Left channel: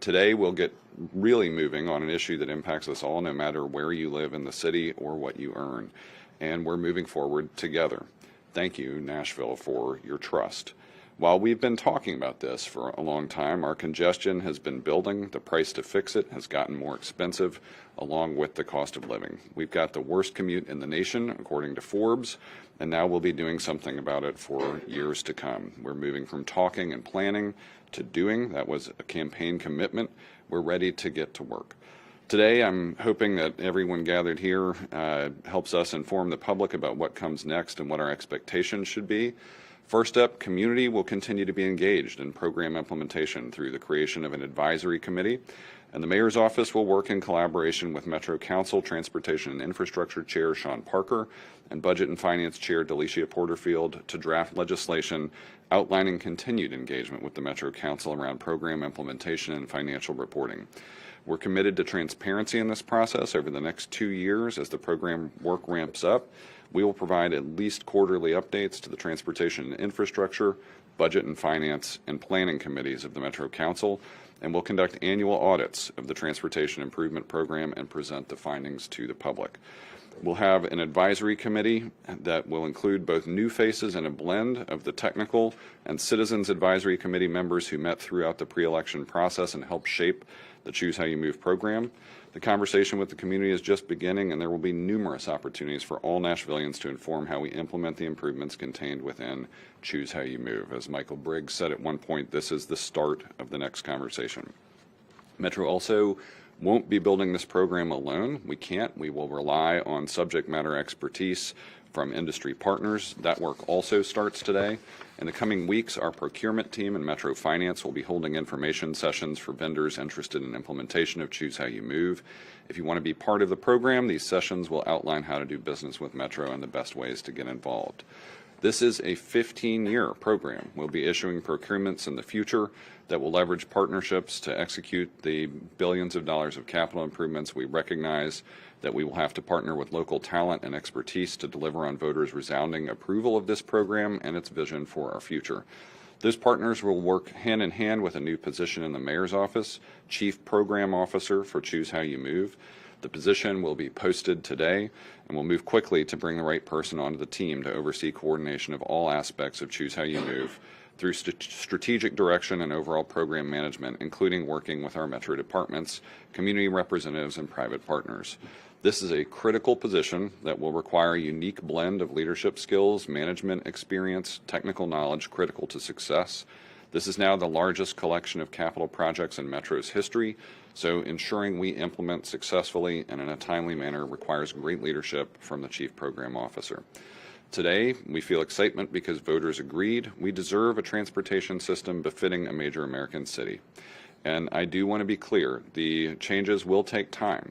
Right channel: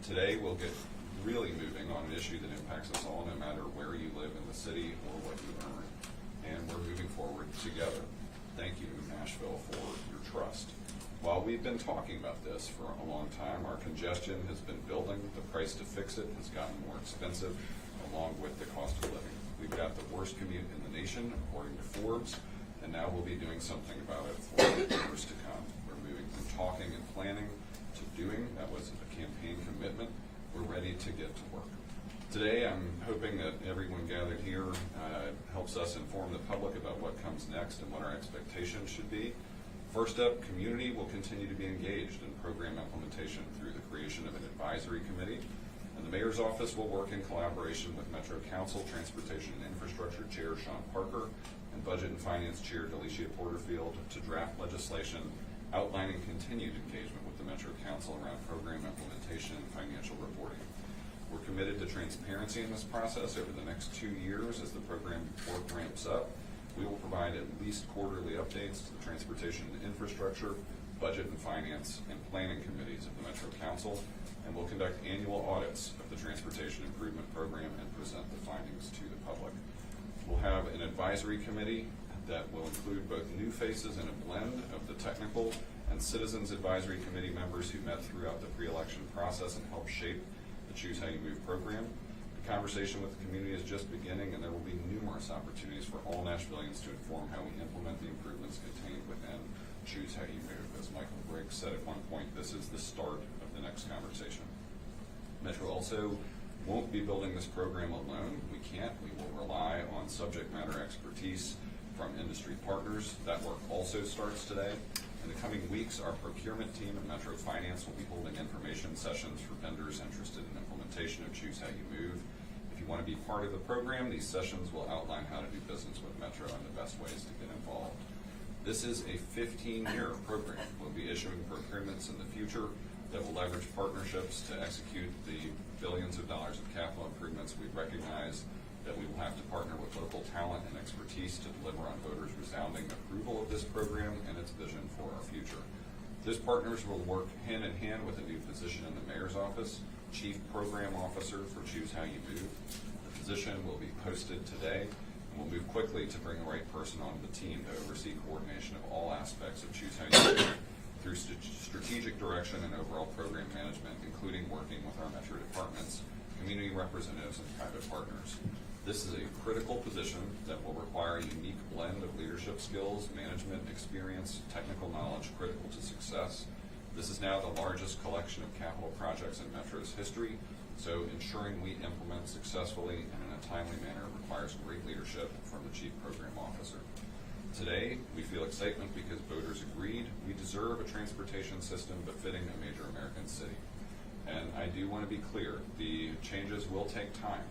Today, we'll get really moving on an issue that impacts us all, no matter where you live in the city or what you earn. And we're moving forward together. Thank you, Nashville, for your trust. While we've been talking about this for a long time, our congestion has been building. The price to fix it has gotten more expensive, along with the cost of living. We've got the worst commute in the nation, according to Forbes, and now we'll be doing something about it for years to come. We're moving from talking and planning to doing. That was a campaign commitment. We're ready to get to work. Today, I'm hoping that everyone gathered here helps us inform the public about what comes next and what our expectations should be. First up, community will continue to be engaged in program implementation through the creation of an advisory committee, and the Mayor's Office will work in collaboration with Metro Council Transportation and Infrastructure Chair Sean Parker and Budget and Finance Chair Delicia Porterfield to draft legislation outlining continued engagement with the Metro Council around program implementation and financial reporting. We're committed to transparency in this process over the next 2 years as the program work ramps up. We will provide at least quarterly updates to the Transportation and Infrastructure, Budget and Finance, and Planning committees of the Metro Council, and we'll conduct annual audits of the Transportation Improvement Program and present the findings to the public. We'll have an advisory committee that will include both new faces and a blend of the technical and citizens advisory committee members who met throughout the pre-election process and helped shape the Choose How You Move program. The conversation with the community is just beginning, and there will be numerous opportunities for all Nashvillians to inform how we implement the improvements contained within Choose How You Move. As Michael Briggs said at one point, this is the start of the next conversation. Metro also won't be building this program alone. We can't. We will rely on subject matter expertise from industry partners. That work also starts today. In the coming weeks, our procurement team and Metro Finance will be holding information sessions for vendors interested in implementation of Choose How You Move. If you want to be part of the program, these sessions will outline how to do business with Metro and the best ways to get involved. This is a 15-year program. We'll be issuing procurements in the future that will leverage partnerships to execute the billions of dollars of capital improvements. We recognize that we will have to partner with local talent and expertise to deliver on voters' resounding approval of this program and its vision for our future. Those partners will work hand in hand with a new position in the Mayor's Office, Chief Program Officer for Choose How You Move. The position will be posted today, and we'll move quickly to bring the right person onto the team to oversee coordination of all aspects of Choose How You Move through strategic direction and overall program management, including working with our Metro departments, community representatives, and private partners. This is a critical position that will require a unique blend of leadership skills, management experience, technical knowledge critical to success. This is now the largest collection of capital projects in Metro's history, so ensuring we implement successfully and in a timely manner requires great leadership from the Chief Program Officer. Today, we feel excitement because voters agreed we deserve a transportation system befitting a major American city. And I do want to be clear, the changes will take time.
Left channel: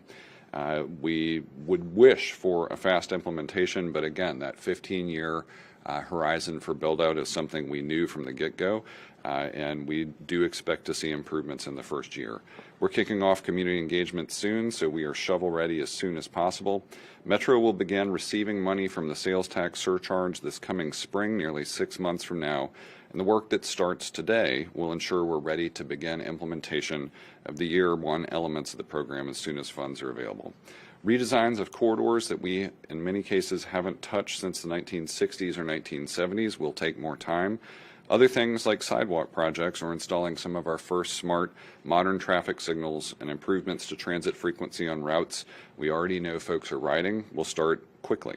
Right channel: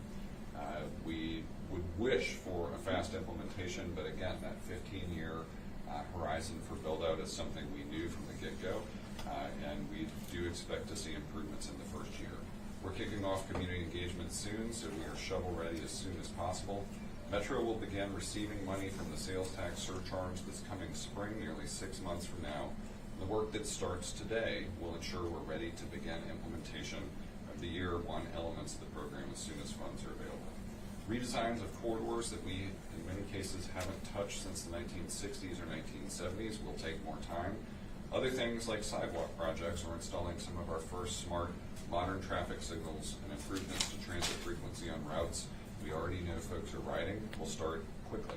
We would wish for a fast implementation, but again, that 15-year horizon for build-out is something we knew from the get-go, and we do expect to see improvements in the first year. We're kicking off community engagement soon, so we are shovel-ready as soon as possible. Metro will begin receiving money from the sales tax surcharge this coming spring, nearly 6 months from now, and the work that starts today will ensure we're ready to begin implementation of the year one elements of the program as soon as funds are available. Redesigns of corridors that we, in many cases, haven't touched since the 1960s or 1970s will take more time. Other things like sidewalk projects or installing some of our first smart, modern traffic signals and improvements to transit frequency on routes we already know folks are riding will start quickly.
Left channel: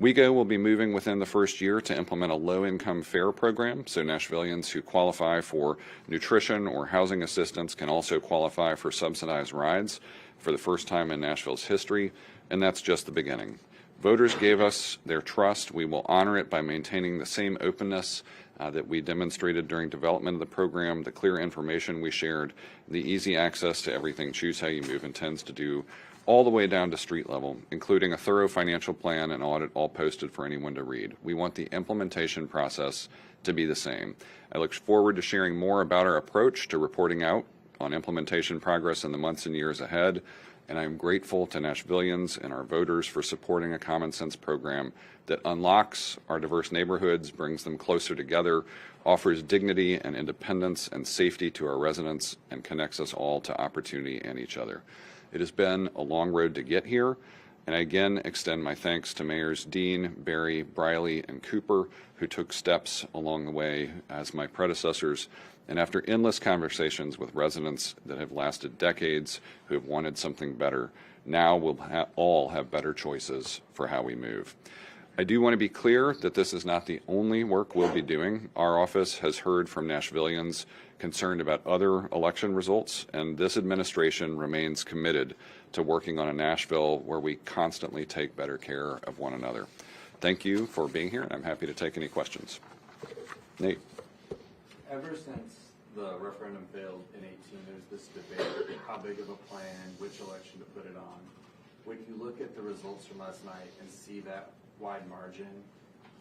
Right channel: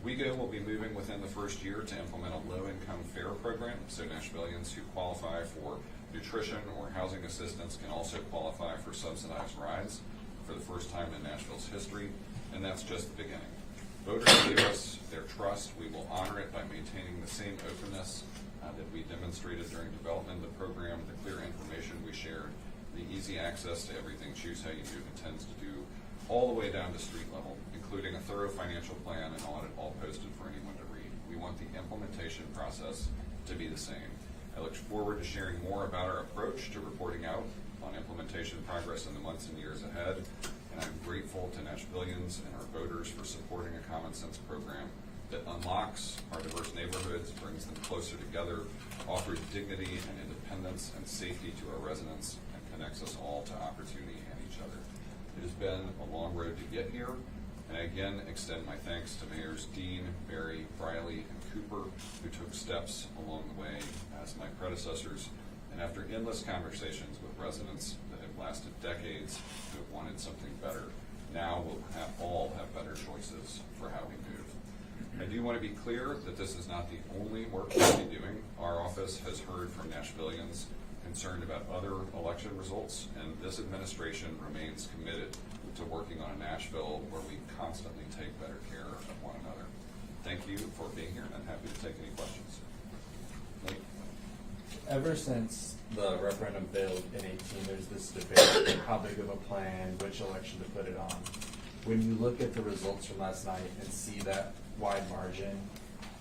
WeGo will be moving within the first year to implement a low-income fare program, so Nashvillians who qualify for nutrition or housing assistance can also qualify for subsidized rides for the first time in Nashville's history, and that's just the beginning. Voters gave us their trust. We will honor it by maintaining the same openness that we demonstrated during development of the program, the clear information we shared, the easy access to everything Choose How You Move intends to do, all the way down to street level, including a thorough financial plan and audit, all posted for anyone to read. We want the implementation process to be the same. I look forward to sharing more about our approach to reporting out on implementation progress in the months and years ahead, and I'm grateful to Nashvillians and our voters for supporting a common sense program that unlocks our diverse neighborhoods, brings them closer together, offers dignity and independence and safety to our residents, and connects us all to opportunity and each other. It has been a long road to get here, and I again extend my thanks to Mayors Dean, Berry, Briley, and Cooper, who took steps along the way as my predecessors, and after endless conversations with residents that have lasted decades who have wanted something better, now we'll all have better choices for how we move. I do want to be clear that this is not the only work we'll be doing. Our office has heard from Nashvillians concerned about other election results, and this administration remains committed to working on a Nashville where we constantly take better care of one another. Thank you for being here, and I'm happy to take any questions. Nate. Ever since the referendum failed in 18, there's this debate how big of a plan, which election to put it on. When you look at the results from last night and see that wide margin,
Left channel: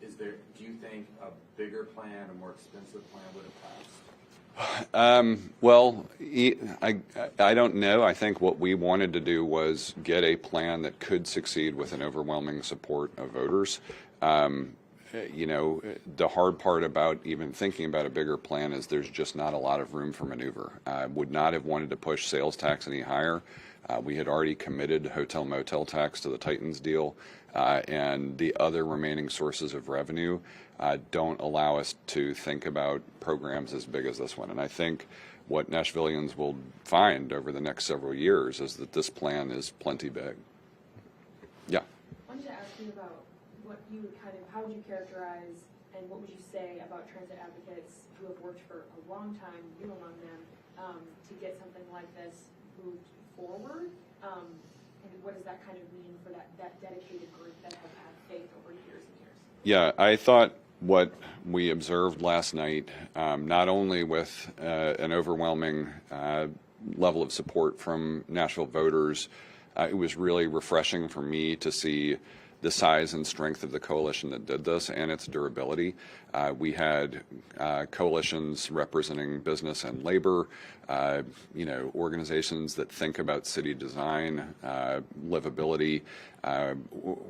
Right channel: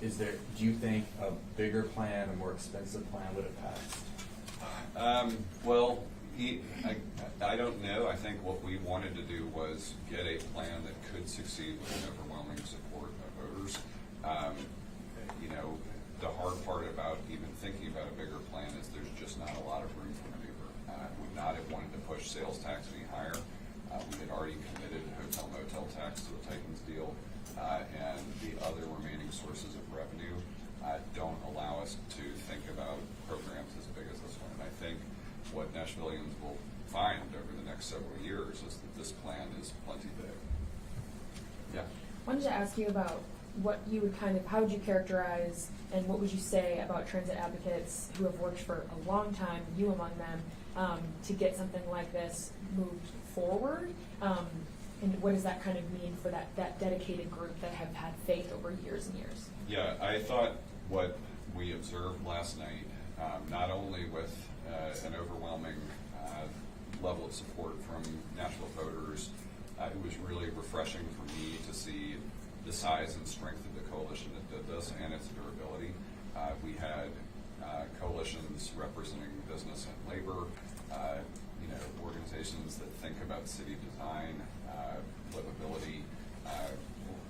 do you think a bigger plan, a more expensive plan would have passed? Well, I don't know. I think what we wanted to do was get a plan that could succeed with an overwhelming support of voters. You know, the hard part about even thinking about a bigger plan is there's just not a lot of room for maneuver. I would not have wanted to push sales tax any higher. We had already committed hotel motel tax to the Titans deal, and the other remaining sources of revenue don't allow us to think about programs as big as this one. And I think what Nashvillians will find over the next several years is that this plan is plenty big. Yeah. I wanted to ask you about what you would how would you characterize and what would you say about transit advocates who have worked for a long time, you among them, to get something like this moved forward? And what does that kind of mean for that dedicated group that have had faith over years and years? Yeah, I thought what we observed last night, not only with an overwhelming level of support from Nashville voters, it was really refreshing for me to see the size and strength of the coalition that did this and its durability. We had coalitions representing business and labor, you know, organizations that think about city design, livability,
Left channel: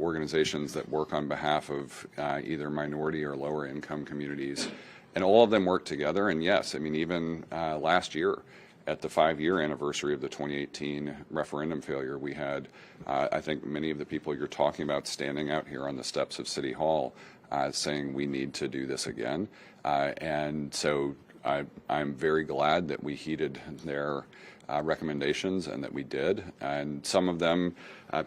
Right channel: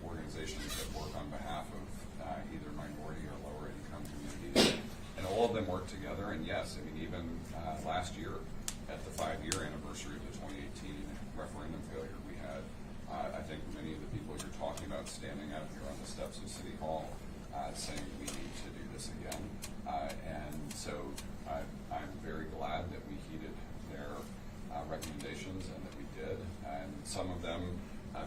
organizations that work on behalf of either minority or lower income communities, and all of them work together. And yes, I mean, even last year at the 5-year anniversary of the 2018 referendum failure, we had I think many of the people you're talking about standing out here on the steps of City Hall saying we need to do this again. And so I'm very glad that we heeded their recommendations and that we did. And some of them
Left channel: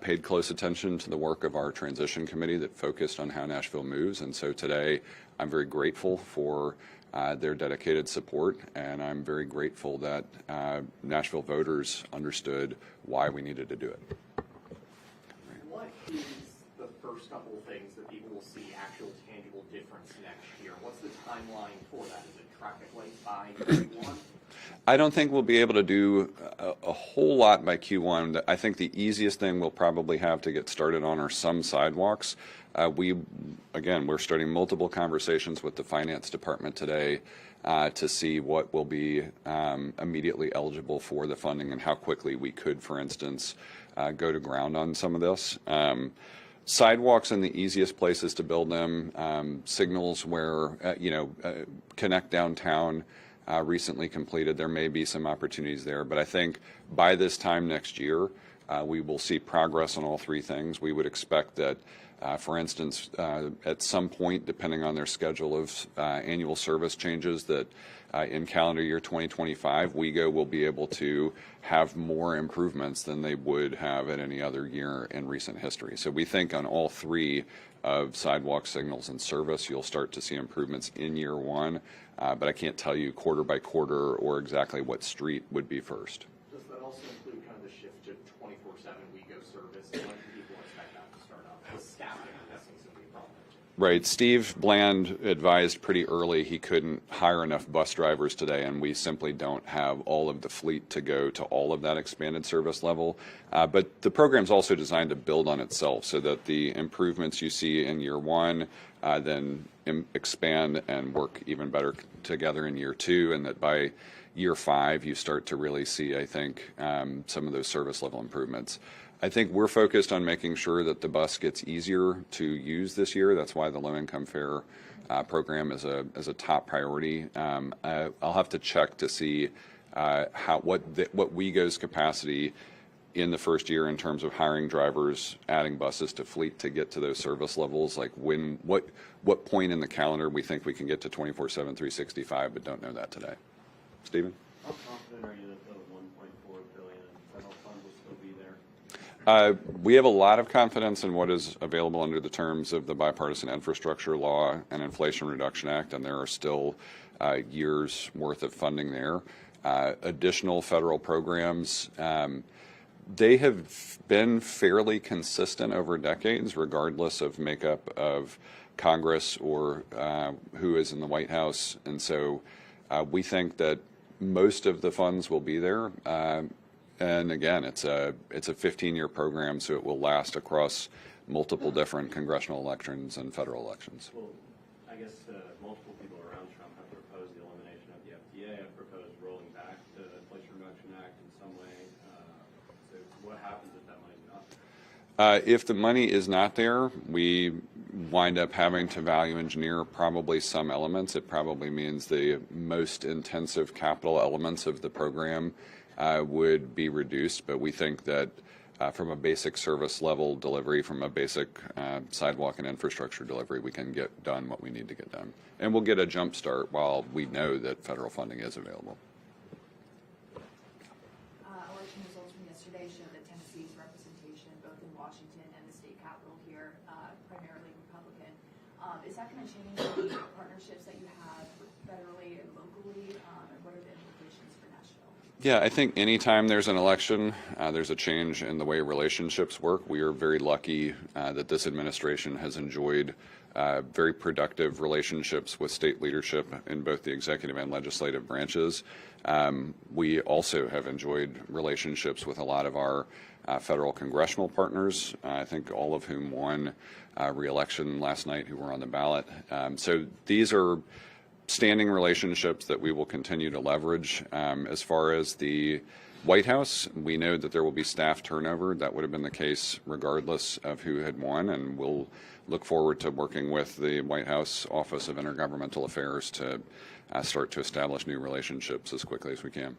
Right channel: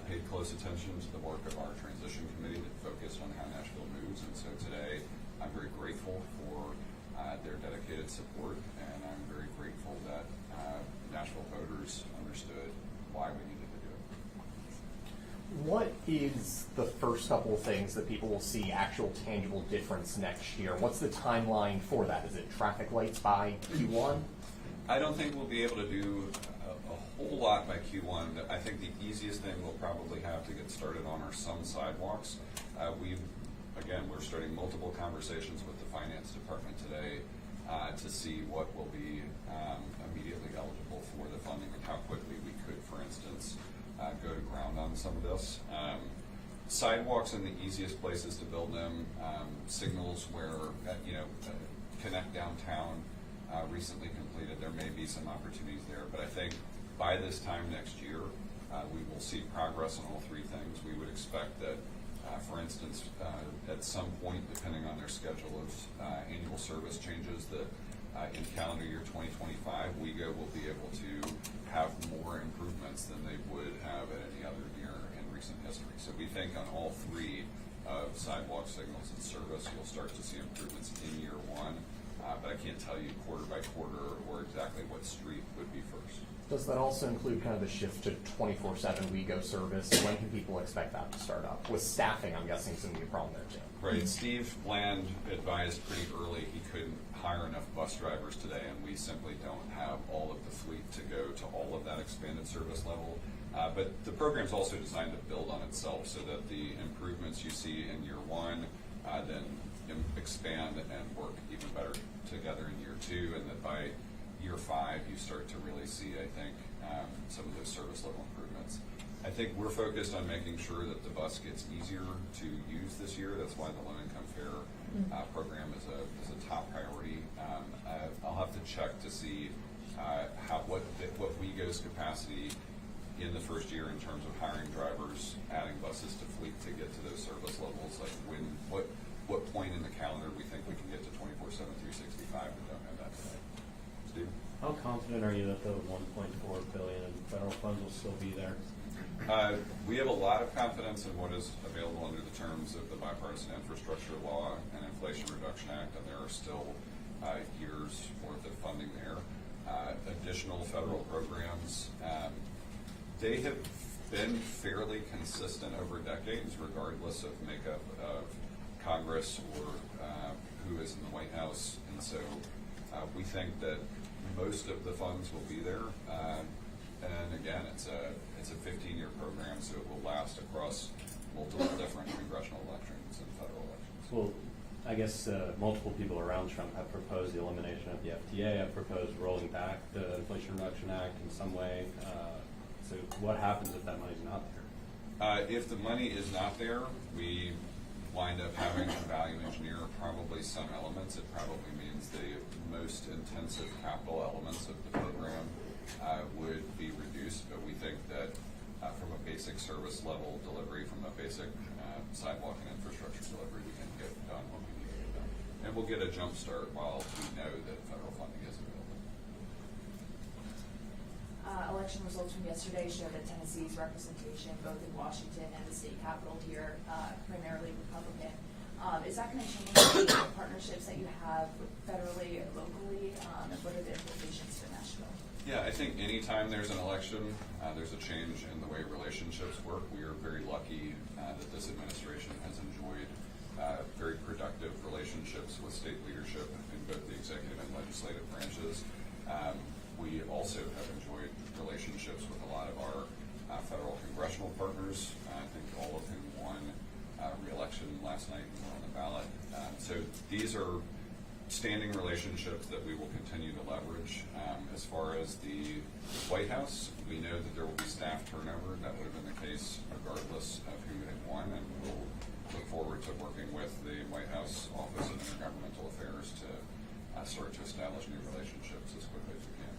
paid close attention to the work of our transition committee that focused on how Nashville moves. And so today I'm very grateful for their dedicated support, and I'm very grateful that Nashville voters understood why we needed to do it. What is the first couple of things that people will see actual tangible difference next year? What's the timeline for that? Is it traffic lights by Q1? I don't think we'll be able to do a whole lot by Q1. I think the easiest thing we'll probably have to get started on are some sidewalks. We're starting multiple conversations with the finance department today to see what will be immediately eligible for the funding and how quickly we could, for instance, go to ground on some of this. Sidewalks in the easiest places to build them, signals where, connect downtown, recently completed. There may be some opportunities there, but I think by this time next year, we will see progress on all three things. We would expect that, for instance, at some point, depending on their schedule of annual service changes, that in calendar year 2025, WEGO will be able to have more improvements than they would have at any other year in recent history. So we think on all three of sidewalk, signals, and service, you'll start to see improvements in year one, but I can't tell you quarter by quarter or exactly what street would be first. Does that also include kind of the shift to 24/7 WEGO service? When can people expect that to start up? With staffing, I'm guessing it's going to be a problem there too. Right. Steve Bland advised pretty early he couldn't hire enough bus drivers today, and we simply don't have all of the fleet to go to all of that expanded service level. But the program's also designed to build on itself so that the improvements you see in year one then expand and work even better together in year two, and that by year 5 you start to really see, I think, some of those service level improvements. I think we're focused on making sure that the bus gets easier to use this year. That's why the low income fare program as a top priority. I'll have to check to see what WeGo's capacity in the first year in terms of hiring drivers, adding buses to fleet to get to those service levels, like what point in the calendar we think we can get to 24/7, 365, but don't know that today. Stepen? How confident are you that the 1.4 billion in federal funds will still be there? We have a lot of confidence in what is available under the terms of the Bipartisan Infrastructure Law and Inflation Reduction Act, and there are still years worth of funding there. Additional federal programs, they have been fairly consistent over decades, regardless of makeup of Congress or who is in the White House. And so we think that most of the funds will be there. And again, it's a 15-year program, so it will last across multiple different congressional elections and federal elections. Well, I guess multiple people around Trump have proposed the elimination of the FTA, have proposed rolling back the Inflation Reduction Act in some way. So what happens if that money's not there? If the money is not there, we wind up having to value engineer probably some elements. It probably means the most intensive capital elements of the program would be reduced, but we think that from a basic service level delivery, from a basic sidewalk and infrastructure delivery, we can get done what we need to get done. And we'll get a jump start while we know that federal funding is available. Election results from yesterday show that Tennessee's representation, both in Washington and the state capitol here, primarily Republican. Is that going to change the partnerships that you have federally and locally, and what are the implications for Nashville? Yeah, I think anytime there's an election, there's a change in the way relationships work. We are very lucky that this administration has enjoyed very productive relationships with state leadership in both the executive and legislative branches. We also have enjoyed relationships with a lot of our federal congressional partners, I think all of whom won re-election last night, who were on the ballot. So these are standing relationships that we will continue to leverage. As far as the White House, we know that there will be staff turnover. That would have been the case regardless of who had won, and we'll look forward to working with the White House Office of Intergovernmental Affairs to start to establish new relationships as quickly as we can.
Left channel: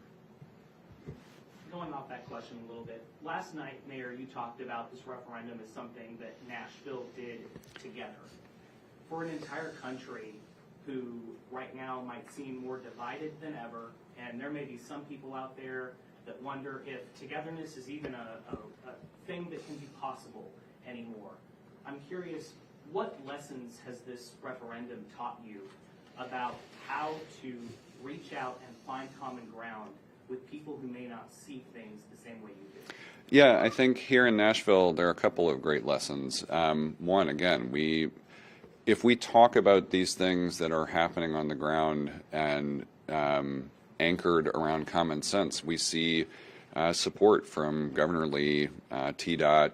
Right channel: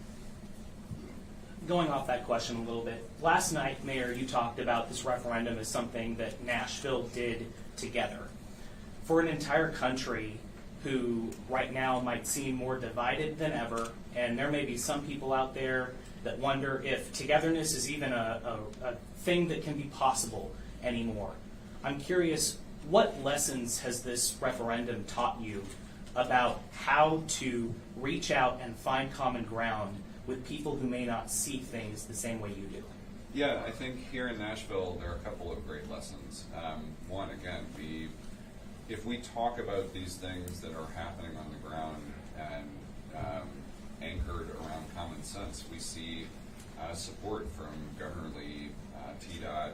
Going off that question a little bit, last night, Mayor, you talked about this referendum as something that Nashville did together. For an entire country who right now might seem more divided than ever, and there may be some people out there that wonder if togetherness is even a thing that can be possible anymore. I'm curious, what lessons has this referendum taught you about how to reach out and find common ground with people who may not see things the same way you do? Yeah, I think here in Nashville there are a couple of great lessons. One, again, if we talk about these things that are happening on the ground and anchored around common sense, we see support from Governor Lee, TDOT,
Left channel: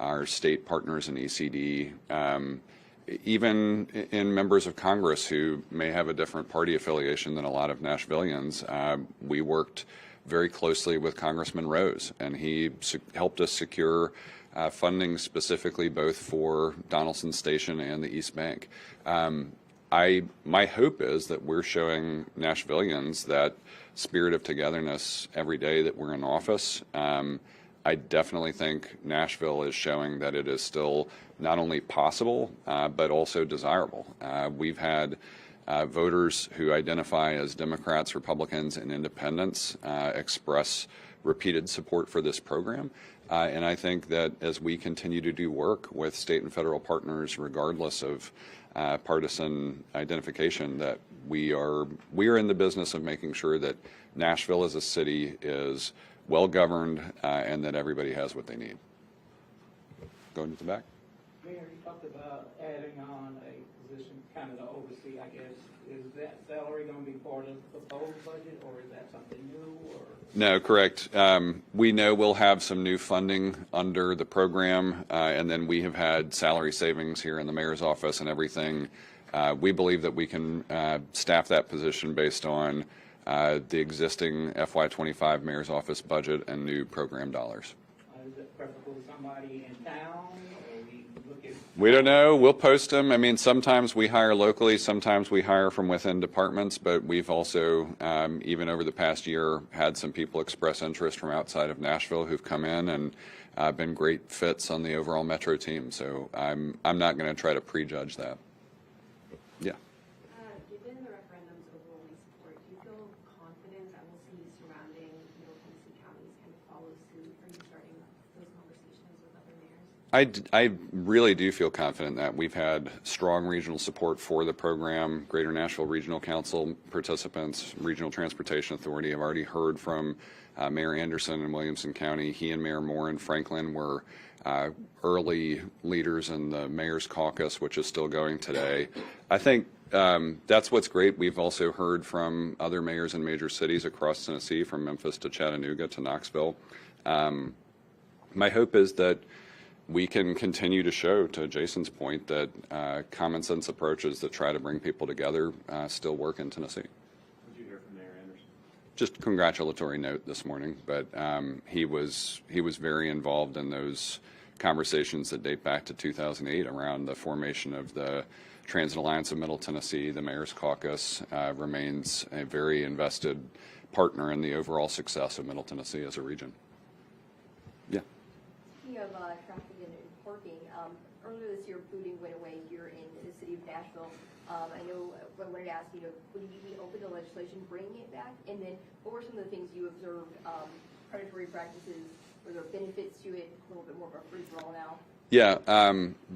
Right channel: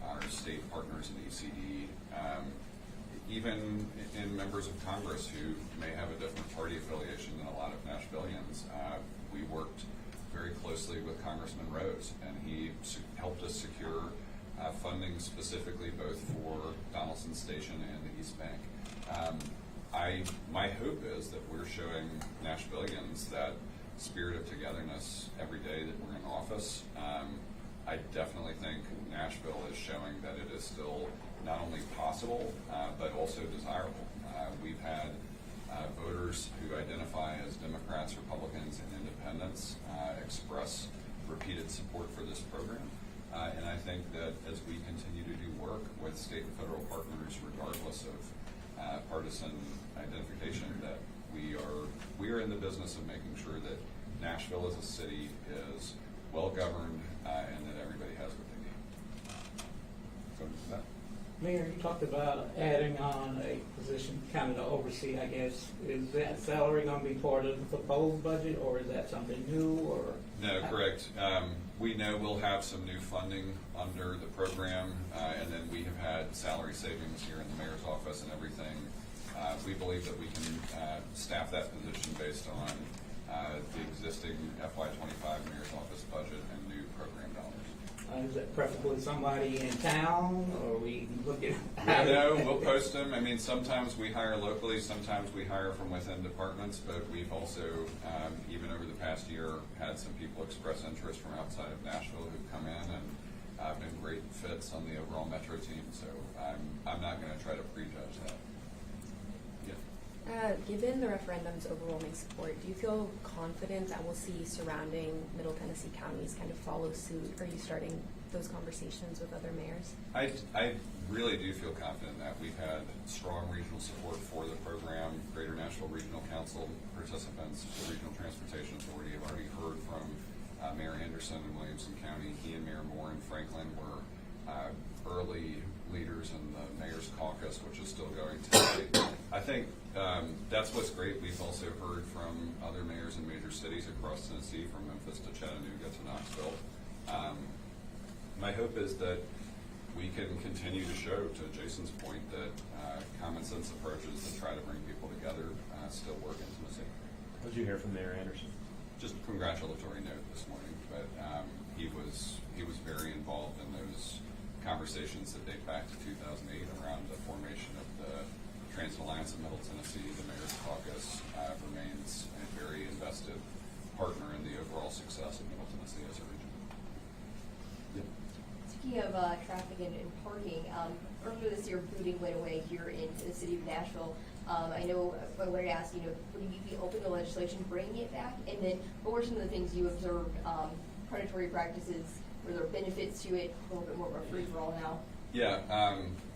our state partners in ECD, even in members of Congress who may have a different party affiliation than a lot of Nashvillians. We worked very closely with Congressman Rose, and he helped us secure funding specifically both for Donaldson Station and the East Bank. My hope is that we're showing Nashvillians that spirit of togetherness every day that we're in office. I definitely think Nashville is showing that it is still not only possible, but also desirable. We've had voters who identify as Democrats, Republicans, and Independents express repeated support for this program. And I think that as we continue to do work with state and federal partners, regardless of partisan identification, that we are in the business of making sure that Nashville as a city is well governed and that everybody has what they need. Going to the back. Mayor, you talked about adding on a position kind of to oversee, I guess. Is that salary going to be part of the proposed budget, or is that something new? Or No, correct. We know we'll have some new funding under the program, and then we have had salary savings here in the mayor's office and everything. We believe that we can staff that position based on the existing FY25 mayor's office budget and new program dollars. Is it preferably somebody in town, or we look at? We don't know. We'll post them. I mean, sometimes we hire locally, sometimes we hire from within departments, but we've also, even over the past year, had some people express interest from outside of Nashville who've come in and been great fits on the overall Metro team. So I'm not going to try to prejudge that. Yeah. Given the referendum's overwhelming support, do you feel confident that we'll see surrounding Middle Tennessee counties kind of follow suit? Are you starting those conversations with other mayors? I really do feel confident that we've had strong regional support for the program. Greater Nashville Regional Council participants, Regional Transportation Authority have already heard from Mayor Anderson in Williamson County. He and Mayor Moore in Franklin were early leaders in the Mayor's Caucus, which is still going today. I think that's what's great. We've also heard from other mayors in major cities across Tennessee, from Memphis to Chattanooga to Knoxville. My hope is that we can continue to show, to Jason's point, that common sense approaches that try to bring people together still work in Tennessee. What did you hear from Mayor Anderson? Just a congratulatory note this morning, but he was very involved in those conversations that date back to 2008 around the formation of the Transit Alliance of Middle Tennessee. The Mayor's Caucus remains a very invested partner in the overall success of Middle Tennessee as a region. Yeah. Speaking of traffic and parking, earlier this year, booting went away here in the city of Nashville. I know I wanted to ask, would you be open to legislation bringing it back? And then what were some of the things you observed, predatory practices, were there benefits to it, a little bit more of a free-for-all now? Yeah,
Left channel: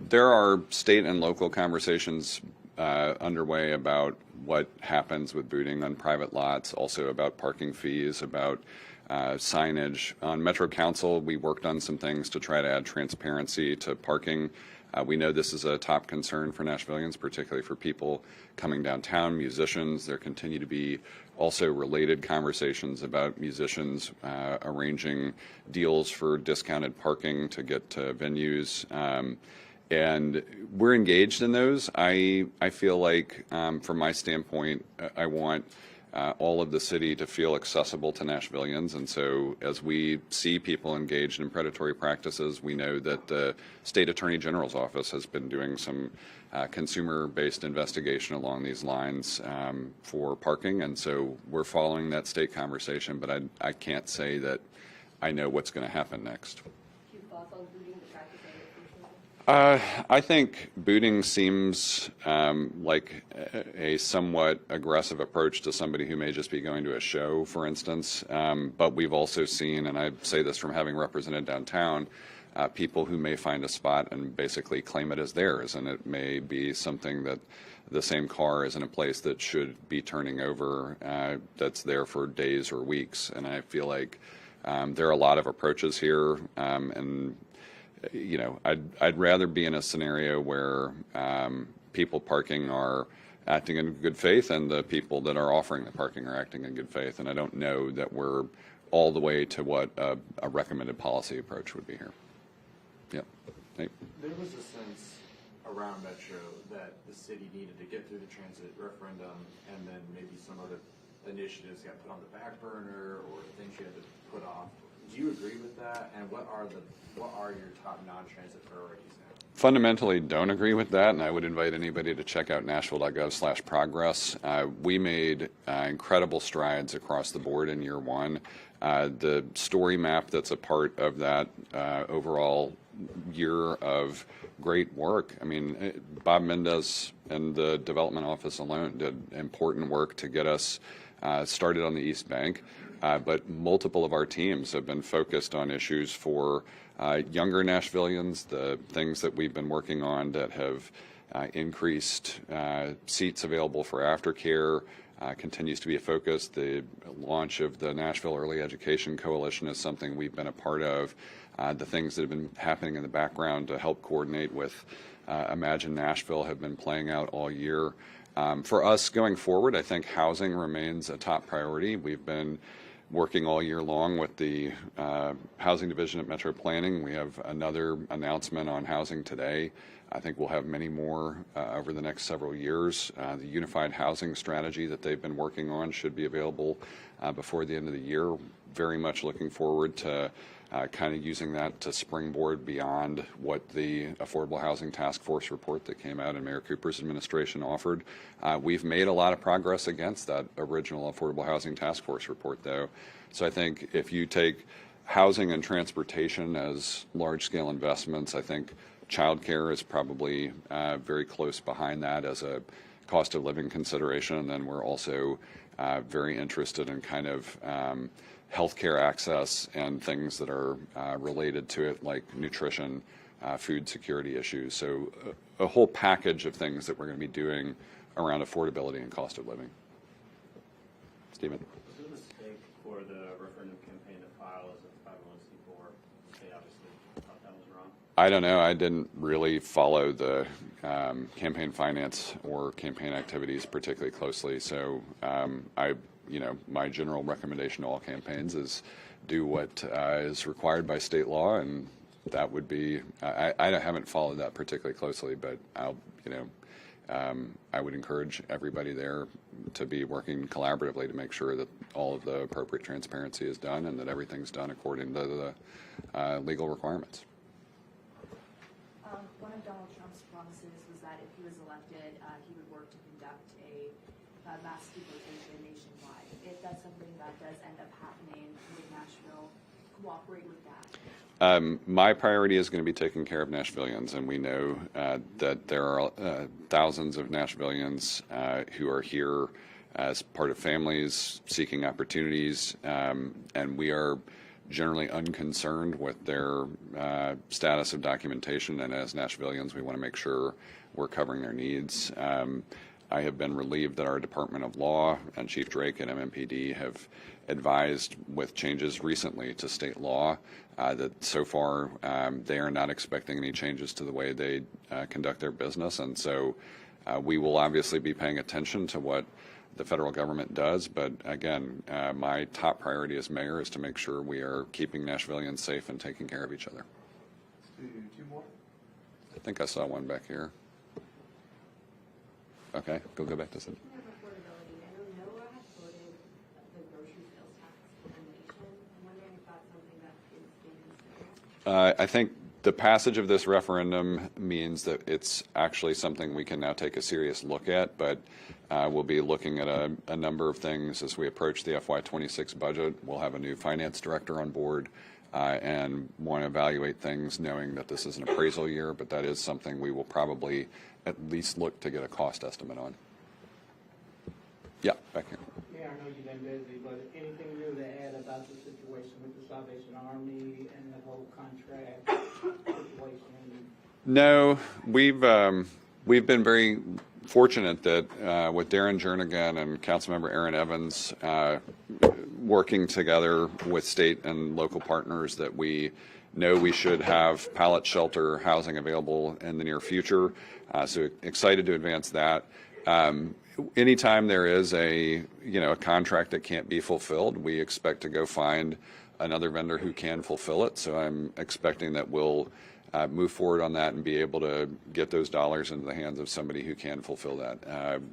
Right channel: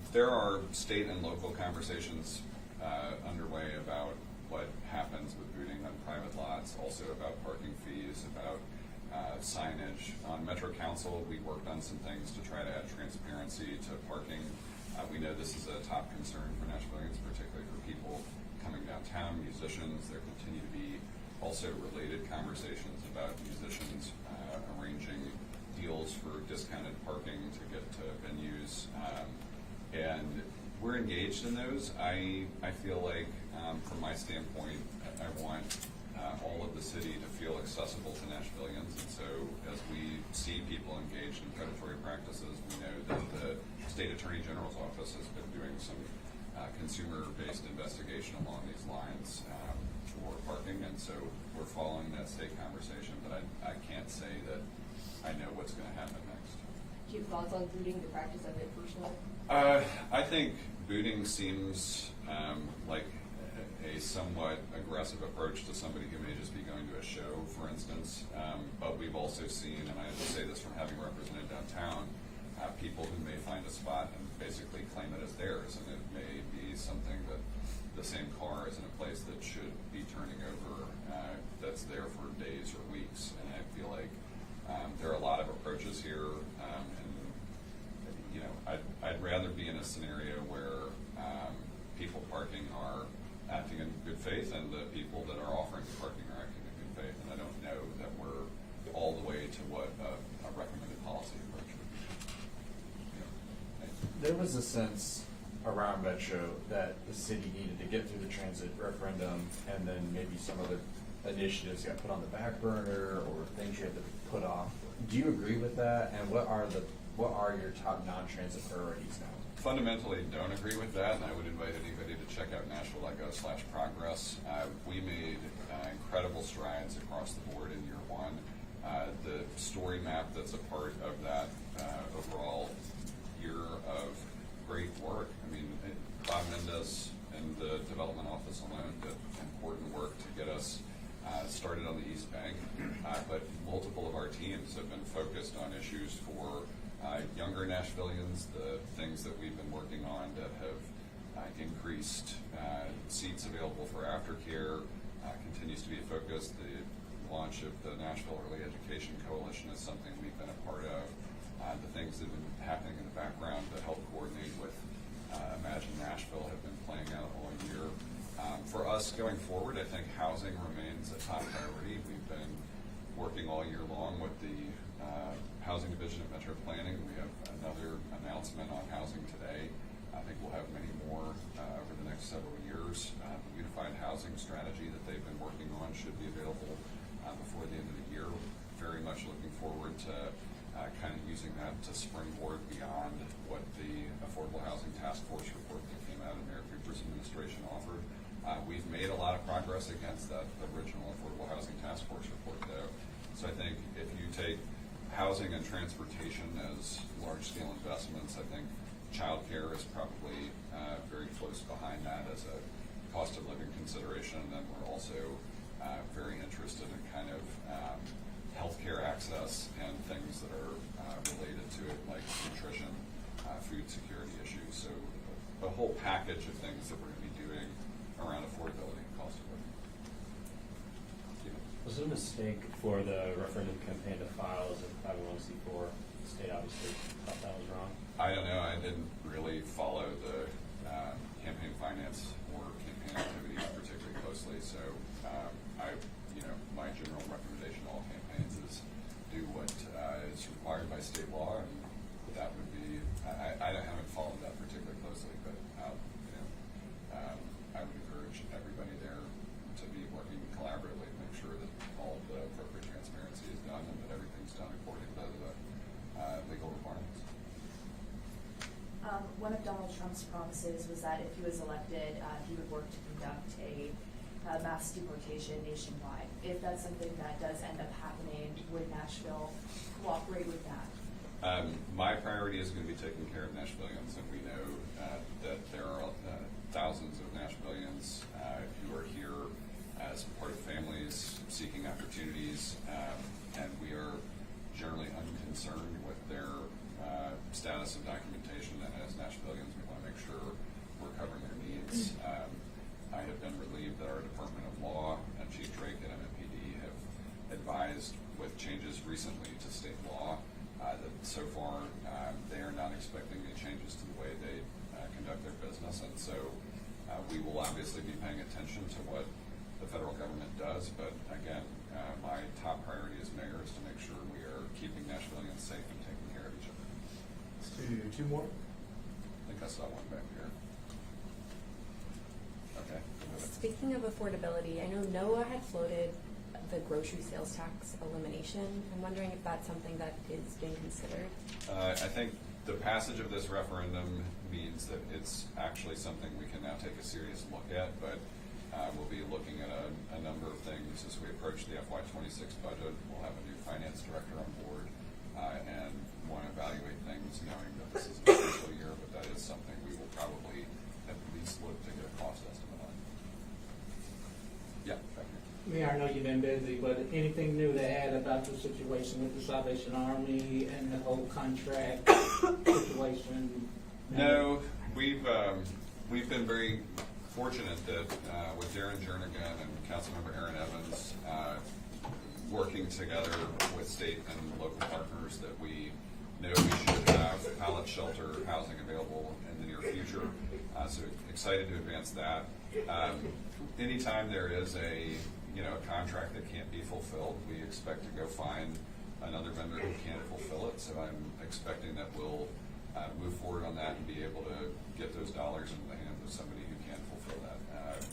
there are state and local conversations underway about what happens with booting on private lots, also about parking fees, about signage. On Metro Council, we worked on some things to try to add transparency to parking. We know this is a top concern for Nashvillians, particularly for people coming downtown, musicians. There continue to be also related conversations about musicians arranging deals for discounted parking to get to venues. And we're engaged in those. I feel like, from my standpoint, I want all of the city to feel accessible to Nashvillians, and so as we see people engaged in predatory practices, we know that the State Attorney General's office has been doing some consumer-based investigation along these lines for parking, and so we're following that state conversation, but I can't say that I know what's going to happen next. Do you have thoughts on booting, the practice of it personally? I think booting seems like a somewhat aggressive approach to somebody who may just be going to a show, for instance. But we've also seen, and I say this from having represented downtown, people who may find a spot and basically claim it as theirs, and it may be something that the same car is in a place that should be turning over that's there for days or weeks. And I feel like there are a lot of approaches here, and I'd rather be in a scenario where people parking are acting in good faith and the people that are offering the parking are acting in good faith. And I don't know that we're all the way to what a recommended policy approach would be here. Yeah. Thanks. There was a sense around Metro that the city needed to get through the transit referendum, and then maybe some other initiatives got put on the back burner or things you had to put off. Do you agree with that? And what are your top non-transit priorities now? Fundamentally don't agree with that, and I would invite anybody to check out nashville.gov/progress. We made incredible strides across the board in year one. The story map that's a part of that overall year of great work. I mean, Bob Mendez and the development office alone did important work to get us started on the East Bank, but multiple of our teams have been focused on issues for younger Nashvillians, the things that we've been working on that have increased seats available for aftercare continues to be a focus. The launch of the Nashville Early Education Coalition is something we've been a part of. The things that have been happening in the background to help coordinate with Imagine Nashville have been playing out all year. For us going forward, I think housing remains a top priority. We've been working all year long with the housing division at Metro Planning. We have another announcement on housing today. I think we'll have many more over the next several years. The unified housing strategy that they've been working on should be available before the end of the year. Very much looking forward to kind of using that to springboard beyond what the Affordable Housing Task Force report that came out in Mayor Cooper's administration offered. We've made a lot of progress against that original Affordable Housing Task Force report, though. So I think if you take housing and transportation as large-scale investments, I think childcare is probably very close behind that as a cost of living consideration. And then we're also very interested in kind of healthcare access and things that are related to it, like nutrition, food security issues. So a whole package of things that we're going to be doing around affordability and cost of living. Stepen? Was it a mistake for the referendum campaign to file as a 501c4? The state obviously thought that was wrong. I don't know. I didn't really follow the campaign finance or campaign activities particularly closely. So my general recommendation to all campaigns is do what is required by state law, and that would be. I haven't followed that particularly closely, but I would encourage everybody there to be working collaboratively to make sure that all of the appropriate transparency is done and that everything's done according to the legal requirements. One of Donald Trump's promises was that if he was elected, he would work to conduct a mass deportation nationwide. If that's something that does end up happening, would Nashville cooperate with that? My priority is going to be taking care of Nashvillians, and we know that there are thousands of Nashvillians who are here as part of families seeking opportunities, and we are generally unconcerned with their status of documentation, and as Nashvillians we want to make sure we're covering their needs. I have been relieved that our Department of Law and Chief Drake and MMPD have advised with changes recently to state law that so far they are not expecting any changes to the way they conduct their business, and so we will obviously be paying attention to what the federal government does, but again, my top priority as mayor is to make sure we are keeping Nashvillians safe and taking care of each other. Let's do two more. I think I saw one back here. Okay, go back to Speaking of affordability, I know NOAA had floated the grocery sales tax elimination. I'm wondering if that's something that is being considered. I think the passage of this referendum means that it's actually something we can now take a serious look at, but we'll be looking at a number of things as we approach the FY26 budget. We'll have a new finance director on board and want to evaluate things knowing that this is an appraisal year, but that is something we will probably at least look to get a cost estimate on. Yeah, back here. Mayor, I know you've been busy, but anything new to add about the situation with the Salvation Army and the whole contract situation? No, we've been very fortunate that with Darren Jernigan and Councilmember Aaron Evans working together with state and local partners, that we know we should have pallet shelter housing available in the near future. So excited to advance that. Anytime there is a contract that can't be fulfilled, we expect to go find another vendor who can fulfill it. So I'm expecting that we'll move forward on that and be able to get those dollars into the hands of somebody who can fulfill that.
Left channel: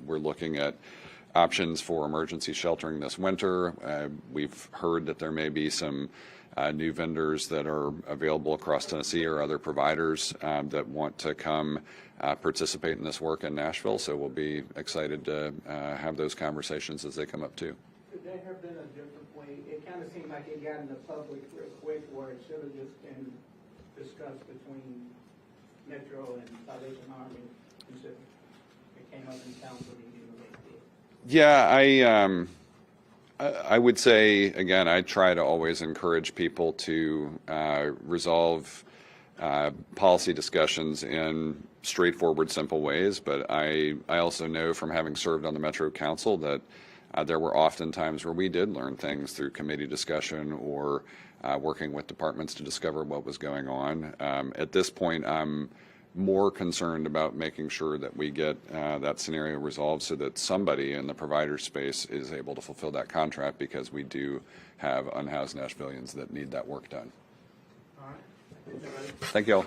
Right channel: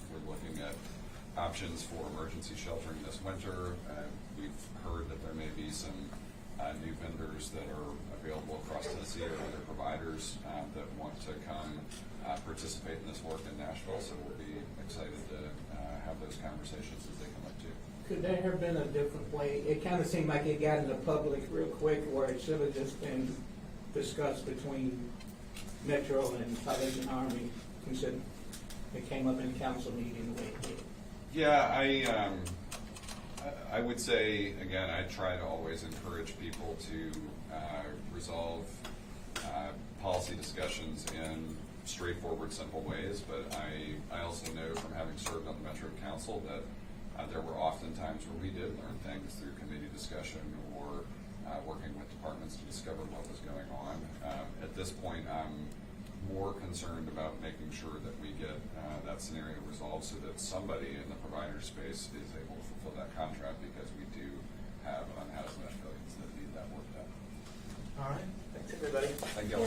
We're looking at options for emergency sheltering this winter. We've heard that there may be some new vendors that are available across Tennessee or other providers that want to come participate in this work in Nashville. So we'll be excited to have those conversations as they come up too. Could there have been a different way? It kind of seemed like it got in the public real quick, where it should have just been discussed between Metro and Salvation Army, considering it came up in council meeting the way it did. Yeah, I would say, again, I try to always encourage people to resolve policy discussions in straightforward, simple ways, but I also know from having served on the Metro Council that there were often times where we did learn things through committee discussion or working with departments to discover what was going on. At this point, I'm more concerned about making sure that we get that scenario resolved so that somebody in the provider space is able to fulfill that contract, because we do have unhoused Nashvillians that need that work done. All right. Thanks, everybody. Thank you all.